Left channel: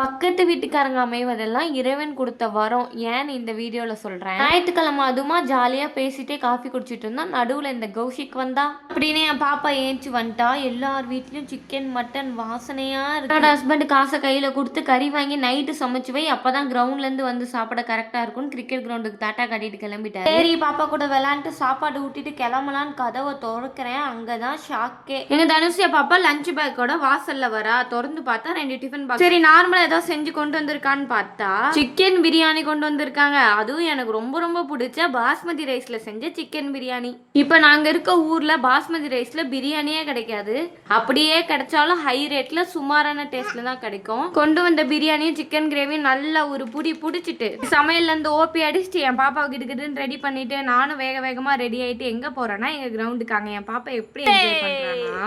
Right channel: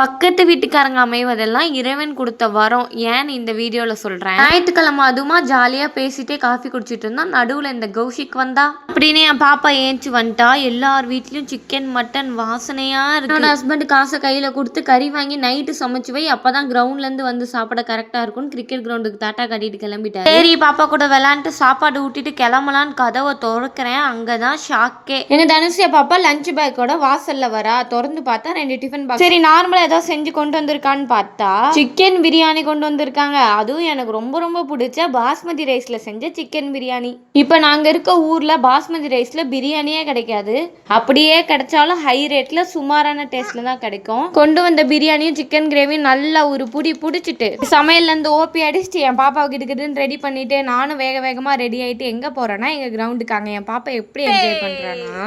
பக்கத்து வீட்டுக்காரங்க அமைவதெல்லாம் இறைவன் கொடுத்த வரம் ஏன்னு இந்த வீடியோவில் சொல்கிறேன். ஞாயிற்றுக்கிழமை அதுமா ஜாலியாக பேசிட்டே காஃபி குடிச்சிட்டு இருந்தோம். நடுவில் இந்த கௌஷிக் வந்தா அப்படின்னு என் பாப்பா ஏஞ்சி வந்துட்டா. எல்லார் வீட்லேயும் சிக்கன் மட்டன் வாசனையாக இருக்கு. என்னோட ஹஸ்பண்ட் காசை கையில் கொடுத்து கறி வாங்கி நைட்டு சமைச்சு வை, அப்போ தான் கிரவுண்ட்லேருந்து வந்து சாப்பிட கரெக்டாக இருக்கும்னு கிரிக்கெட் கிரவுண்டுக்கு தாட்டா கட்டிட்டு கிளம்பிட்டாரு. சரி பாப்பா கூட விளாண்டுட்டு சாப்பாடு ஊட்டிட்டு கிளம்பலான்னு கதவை திறக்கிறேன். அங்கே தான் ஷாக்கே. என்ன தனுஷியா பாப்பா லஞ்ச் பேக்கோட வாசலில் வரா. திறந்து பார்த்தா 2 டிஃபன் பாக்ஸ். சரி நார்மலாக ஏதோ செஞ்சு கொண்டு வந்திருக்கான்னு பார்த்தா சிக்கன் பிரியாணி கொண்டு வந்திருக்காங்க. அதுவும் எனக்கு ரொம்ப ரொம்ப பிடிச்ச பாஸ்மதி ரைஸ்ல செஞ்ச சிக்கன் பிரியாணி. இப்போ நாங்க இருக்க ஊர்ல பாஸ்மதி ரைஸ்ல பிரியாணியே கிடைக்காது. அப்படியே கிடைச்சாலும் ஹை ரேட்ல சுமாரான டேஸ்ட்ல தான் கிடைக்கும். கொண்டு வந்த பிரியாணியும் சிக்கன் கிரேவியும் நல்லா ஒரு புடி புடிச்சிட்டு சமையல்ல இருந்து ஓபி அடிச்சுட்டு என் பாப்பா கிட்டன்னு ரெடி பண்ணிட்டு நானும் வேக வேகமா ரெடி ஆயிட்டு எங்க போறேன்னா எங்க கிரவுண்டுக்கு. அங்க என் பாப்பா எப்படி என்ஜாய் பண்றானா